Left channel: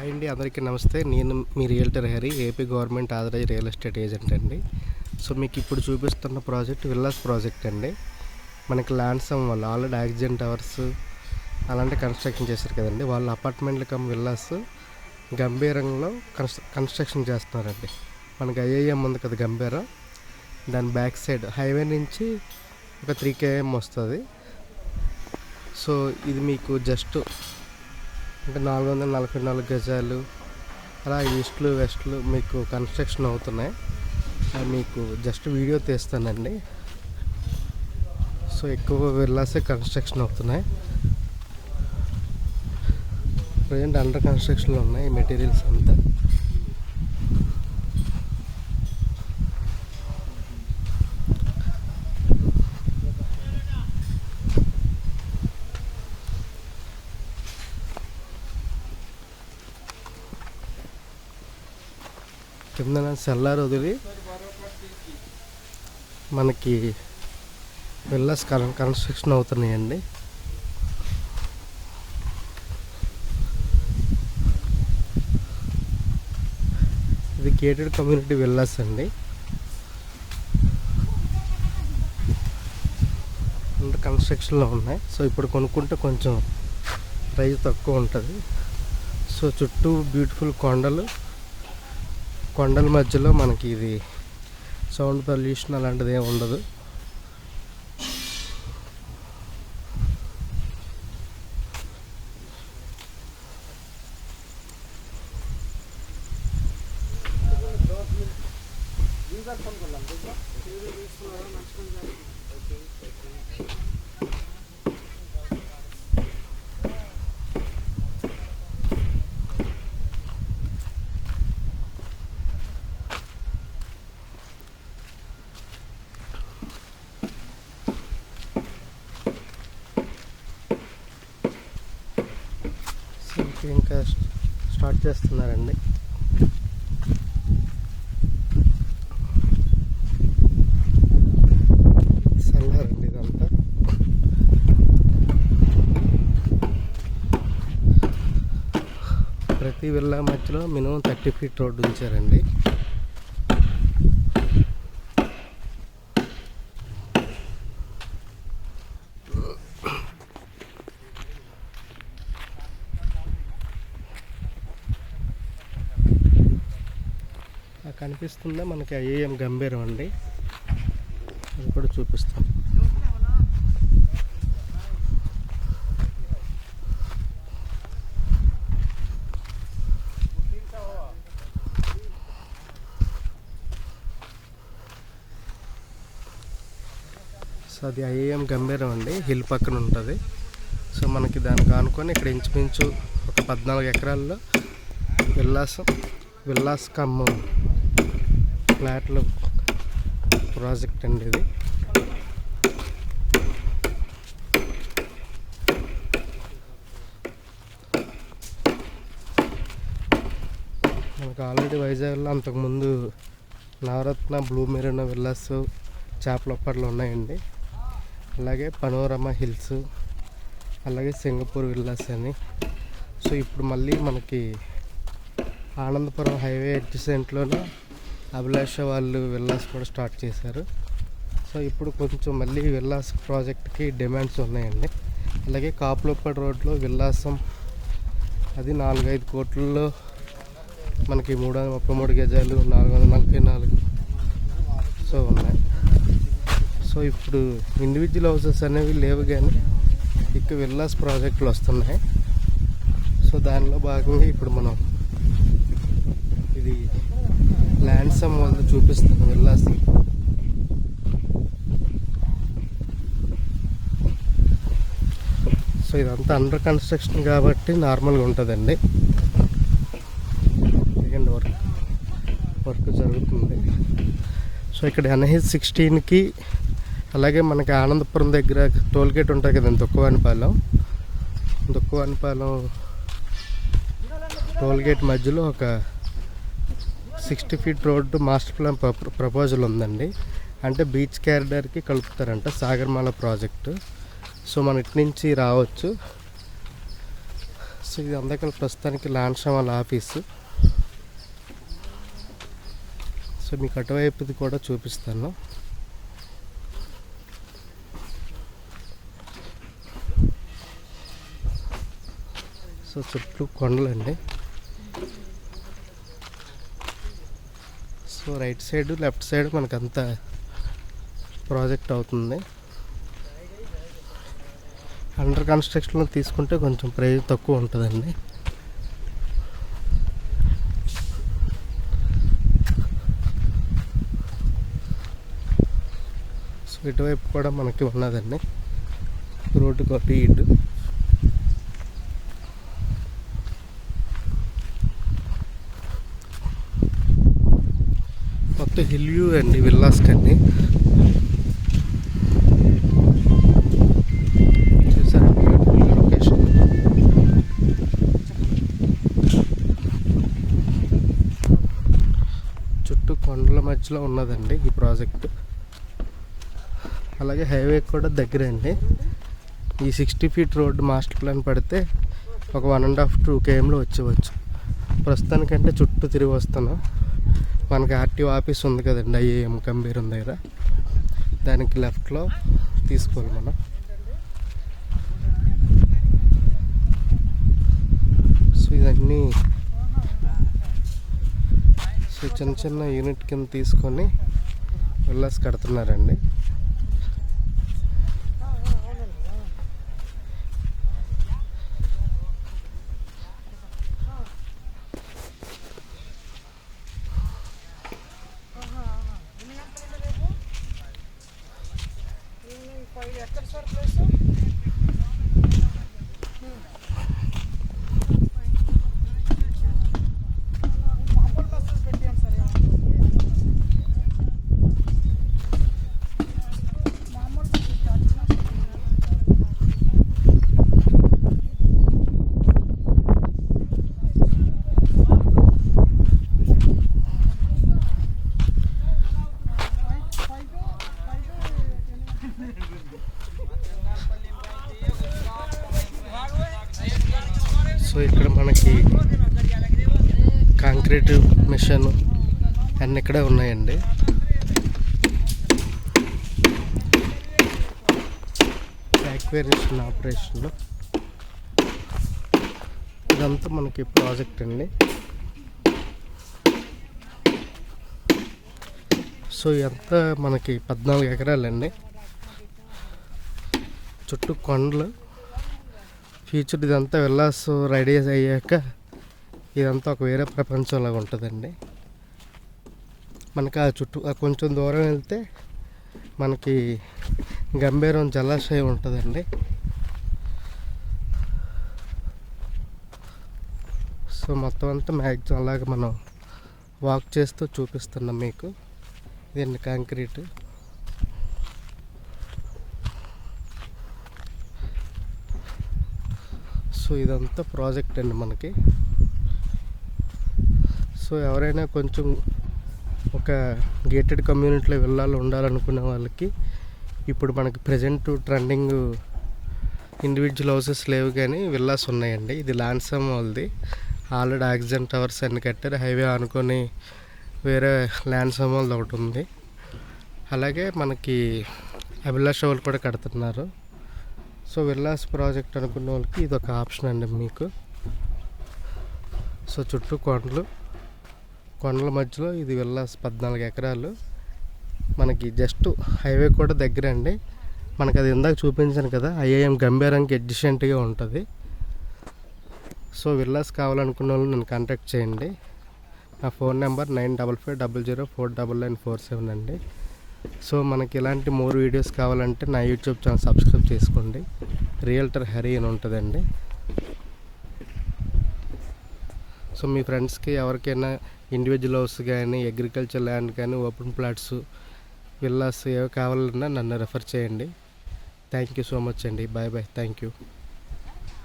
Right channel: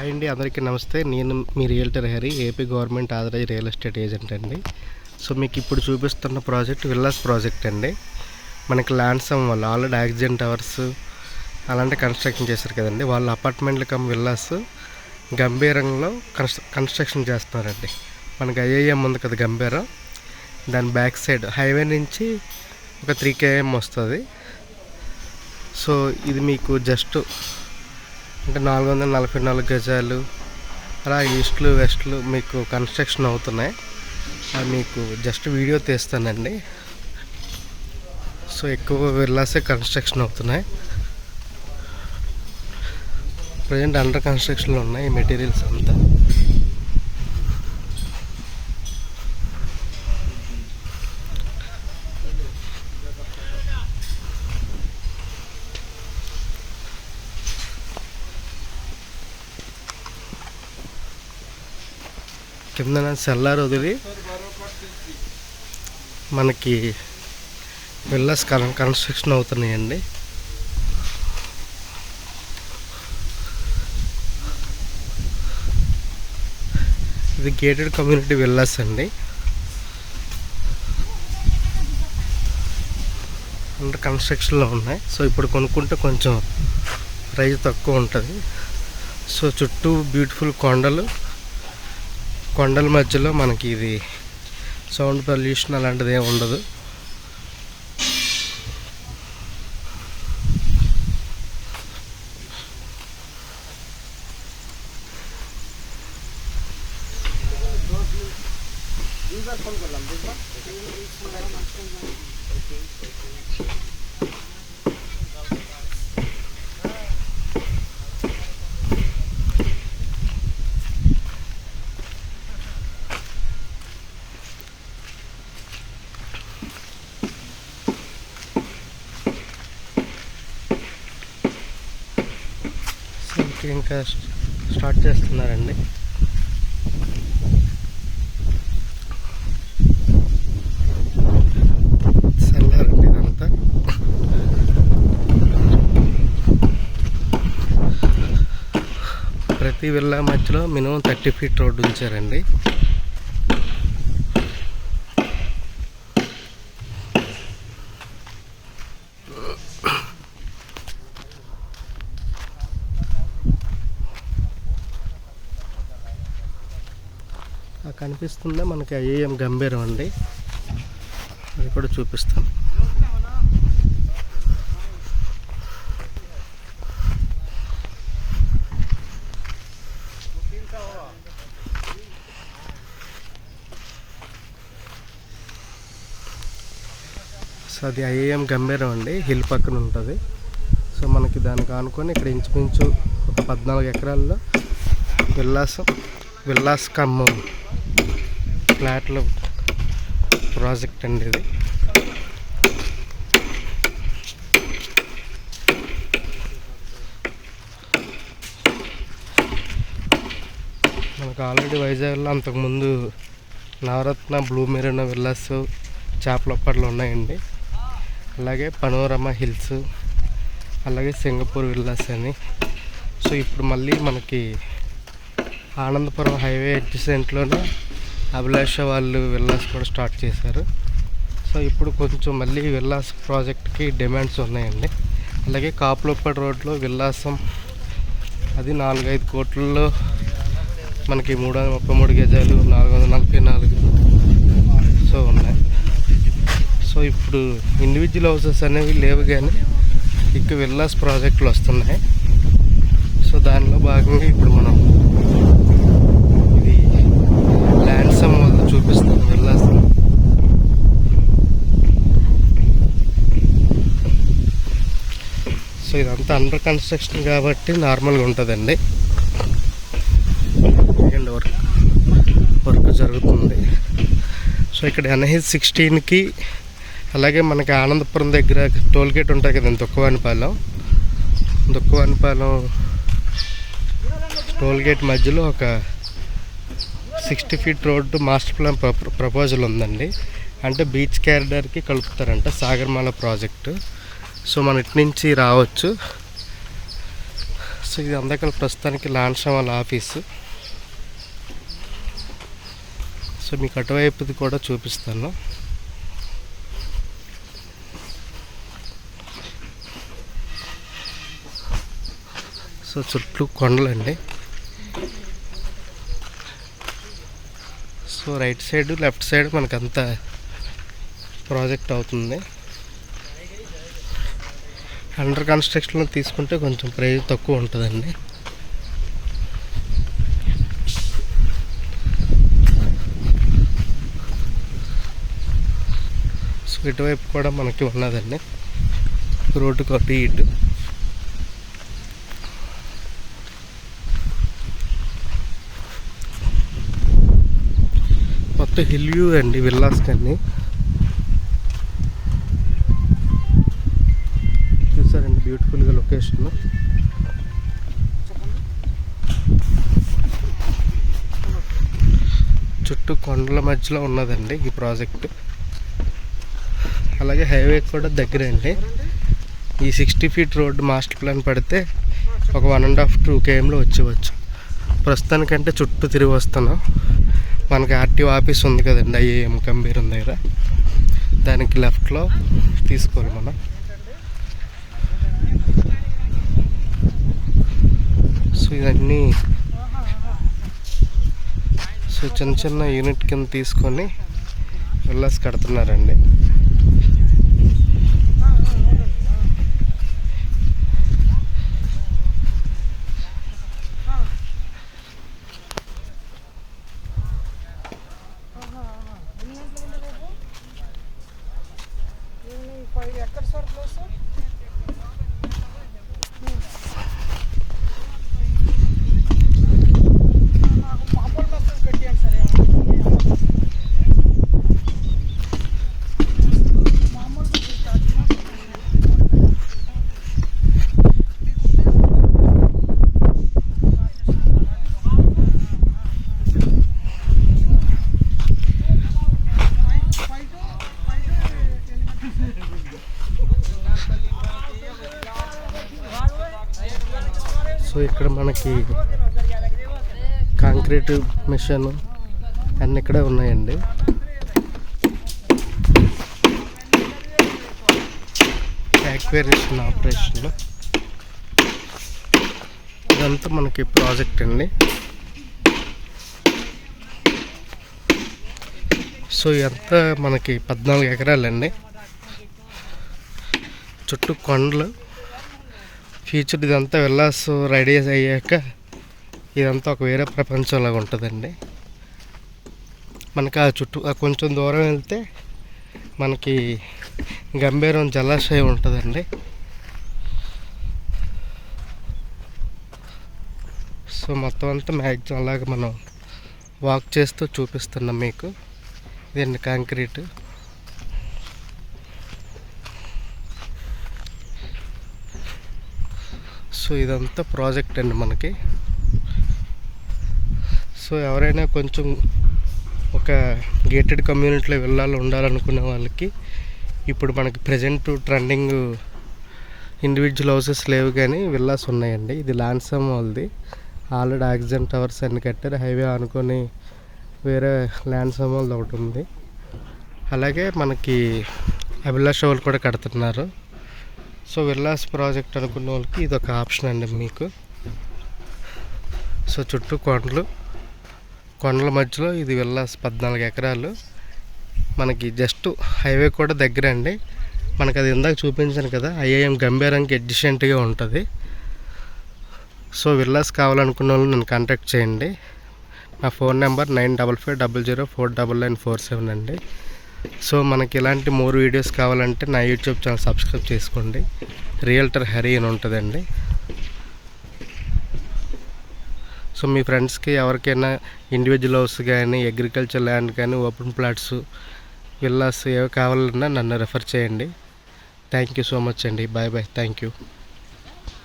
Hi అండి, అందరికీ నమస్తే. నేను మీ realtor Hari, AP government authorise real estate agent అండి. సో మీకు ఇప్పుడు చూపిస్తున్న ప్రాజెక్ట్ విల్లాస్ ప్రాజెక్ట్ అండి. మనకి ల్యాండ్సమ్ వాళ్ళు ఆల్రెడీ యాక్సిడెంట్ టవర్స్ అలాంటి కన్స్ట్రక్షన్ చేశారు కదండి. వాళ్ళ అపార్ట్మెంట్లు కమ్ విల్లాస్ గంభీరంలో కన్స్ట్రక్షన్ చేస్తున్నారండి. మనకి ఐఐఎం ఉంది కదా గంభీరం, దాని బ్యాక్ సైడ్ హైవే నుంచి ఒక 3 km వస్తుంది. సో ఇది మీకు జస్ట్ అంటే 444 గజాలు అలా ఈస్ట్లు వెస్ట్లు మీకు కన్స్ట్రక్షన్ అవుతున్నాయి. అది మీకు జస్ట్ వీడియో తీస్తానండి. సో ఎక్కువ విల్లాసే కన్స్ట్రక్షన్ అవుతున్నాయి. ప్రజెంట్ అండర్ కన్స్ట్రక్షన్లో ఉన్నాయి ఈ మెటీరియల్స్ అంతా. కింద సెల్లార్ వదిలి మనకి విల్లాస్ కన్స్ట్రక్షన్ అవుతున్నాయండి. ఇది గేటెడ్ కమ్యూనిటీ విల్లాస్ అండి. అండర్ కన్స్ట్రక్షన్లో ఉన్నాయి. సో ఇప్పుడు కొనుక్కుంటే కొంచెం ప్రైస్ తక్కువ ఉంటుంది. సో చుట్టూ బ్యూటిఫుల్ కొండల మధ్యలో మనకి ఇది సౌండ్ పొల్యూషన్ అలాంటిది ఏమి ఉండదు. ఇంకా స్టార్ట్ చేస్తున్నారండి. చల్లారండి ఇదంతా. ప్రతి విల్లా మధ్యలో మినిమం 30 feet రోడ్డు ఉంచారండి. కనిపిస్తుందా మనకి ఐఐఎం గంభీరం అండి, అది కూడా చూపిస్తాం. సో అది ఐఐఎం గంభీరం అండి, హిల్ పక్కన ఉంటుంది. సో మనకి దానికి ఆనుకొని ఇక్కడ ఇంచుమించు ఒక 14 ఎకరాల్లో విల్లాస్ కమ్ ఫ్లాట్ల ప్రాజెక్ట్ అండి ఇది. మనకు ఆల్రెడీ వైజాగ్లో అంతకుముందు నవరత్న, బ్లూ మెరీనా విల్లాస్, చేపలప్పట్లో ఉన్నాయండి. అలాగే పనోరమా హిల్స్, అలాగే సింగపూర్ విల్లాస్ అని. సో ఇప్పుడు మళ్ళీ మనకి ఆనందపురం హైవే అడ్జసెంట్లోనే అభిలాష వాళ్ళు విల్లాస్ కూడా స్టార్ట్ చేశారు. సో ఇప్పుడు కొంచెం మళ్ళీ విల్లాస్ ప్రాజెక్ట్కి డిమాండ్స్ ఉన్నాయండి. అలాగే కాపులప్పటి రోడ్లో విల్లాసం, అది 4-5 కోట్లలో మనకి 333 గజాలు 444 సో ఉన్నాయి. సో ఇప్పుడు ఇండివిజువల్ హౌసెస్ అనేవి లేవు, కానీ ఇక్కడ విల్లాస్ ప్రాజెక్టులు వస్తున్నాయి. సో దానిలో భాగంగా ఇప్పుడు మనం ఇది ల్యాండ్సమ్ వాళ్ళు చూపిస్తాం విల్లాస్. సో ఇదంతా అండర్ కన్స్ట్రక్షన్ కాబట్టి నార్మల్గా ఉంటుందండి. వర్క్ జరుగుతుంది. సో ఇక్కడ NH 16కి అలాగే మనకి ఆనందపురం దగ్గర టోల్గేట్ ఉంటుంది కదండి, దుక్కవానిపాలెం టోల్గేట్ మధ్యలో ఒక 60 feet road master plan proposal ఉందండి. అంటే బీచ్ క్యారిడార్కి కలుపుతారంట సాగర్మాల ప్రాజెక్టు. సో మన ఇటు నుంచి రావచ్చు. సో ఇది అందరికీ ప్రస్తుతానికి లాన్షా వాళ్ళ ఆఫీసు. సో మీకు అటువైపుది కూడా చూపిస్తాను. సో చుట్టూ కొండలండి. So right side left side మనకంతా ప్రాజెక్ట్ అవుతుంది. అండర్ కన్స్ట్రక్షన్లో తీసుకుంటే కొంచెం ప్రైస్ తక్కువ ఉంటుందండి. సో ఇటువైపు కూడా మనకి ఉన్నదండి రోడ్డు కొట్టి ఇటు. మొత్తం హిల్ వ్యూ అండి విల్లాస్ కన్నీ. చూసారా బ్యూటిఫుల్గా లొకేషన్. చుట్టూ కొండల మధ్యలో ఉన్నదండి ఈ ప్రాజెక్ట్. అలాగే హైవే కూడా దగ్గరే అండి. ఈ 60 feet రోడ్డు మాస్టర్ ప్లాన్ పడితే ఒక 1.5-2 kmలో వచ్చేవచ్చు. ప్రస్తుతానికంటే చుట్టూ తిరిగి వస్తున్నాం. మనకి ఆర్టీఓ ఆఫీస్ ఉంది కదండి ఐఏఎం గంభీరం దగ్గర, దానికి లెఫ్ట్లో తీసుకోవాలి మనం. సో ఇవన్నీ సో చిన్న చిన్న యూనిట్ కింద తీసుకొని విల్లాస్ కడుతున్నారండి. సో ఇక్కడ మనకి కాంక్రీట్ మిషన్ అన్నీ ఇక్కడే ఉన్నాయండి. యాక్వేరియేషన్ ఆపరేషన్ ఇదంతా మనకి ప్రాజెక్ట్ అండి. సో ఇదంతా మనకి 14 ఎకరాలండి. చుట్టూ కొండలు. ఫ్యూచర్ ఇదంతా విల్లాస్ రెడీ అయ్యాక ఇదంతా ఒక వేరే ప్రపంచంలాగా ఉంటుందండి. మనకి ఆ చుట్టూ కొంచెం దూరం వెళ్తే మనకి గంభీరం జలాశయం ఉంటుందండి. సో మొత్తం అంతా మ్యాక్సిమం అలాగే మనం వాక్ చేస్తూ చూపిస్తున్నాం మీకు. ఇదండి కాంక్రీట్. సో ఇదంతా ప్రాజెక్ట్ అండి మనకి. సో ఎవరైనా కొంచెం ఒక గేటెడ్ కమ్యూనిటీలో ఉండాలనుకునే వాళ్ళకి ఇప్పుడు మనకి ప్రజెంట్ ట్రెండింగ్ ఇండివిజువల్ హౌసెస్ లేవు కానీ విల్లాస్ ఉన్నాయండి. ఇది లాన్సమ్ వాళ్ళది. ఆల్రెడీ ఆక్సిజన్ టవర్స్ అన్ని కట్టారు. హైవే అనుకొని వేరే లాన్సమ్ వాళ్ళది ఒకటి ఉంది. అలాగే మనకి అభిలాష్ వాళ్ళు కూడా కడుతున్నారు. సో విల్లాస్ ప్రాజెక్ట్ అనుకున్న వాళ్ళకి ఇది ఒక ఆప్షన్ అండి మీకు. సో చుట్టూ కొండల మధ్యలో ఇది విల్లాస్ 14 ఎకరాలు. మనకి జస్ట్ హైవే కూడా దగ్గర అండి. మనకు అది ఇందాక చూపించాను కదా ఐఏఎం గంభీరంకి ఎడ్జిషెంట్గా ఉంటుంది. సో విల్లాస్ కావాలనుకున్న వాళ్ళు నన్ను కాంటాక్ట్ చేయండి. నా ఫోన్ నెంబర్ 9550049947 అండి. సో మనకి ఇలాంటి మోర్ వీడియోస్ కావాలంటే నా యూట్యూబ్ ఛానల్ సబ్స్క్రైబ్ చేసుకోండి. రియల్టర్ హరి అని ఉంటుందండి. సో మీ ఫ్రెండ్స్కి ఎవరికైనా ఇండివిజువల్ హౌస్ కానీ అగ్రికల్చర్ ల్యాండ్ కానీ ఓపెన్ ప్లాట్స్ విల్లాస్ ఏవి కావాలన్నా నన్ను రెఫర్ చేయండి. థ్యాంక్ యూ సో మచ్ అండి. Bye bye. Thank you.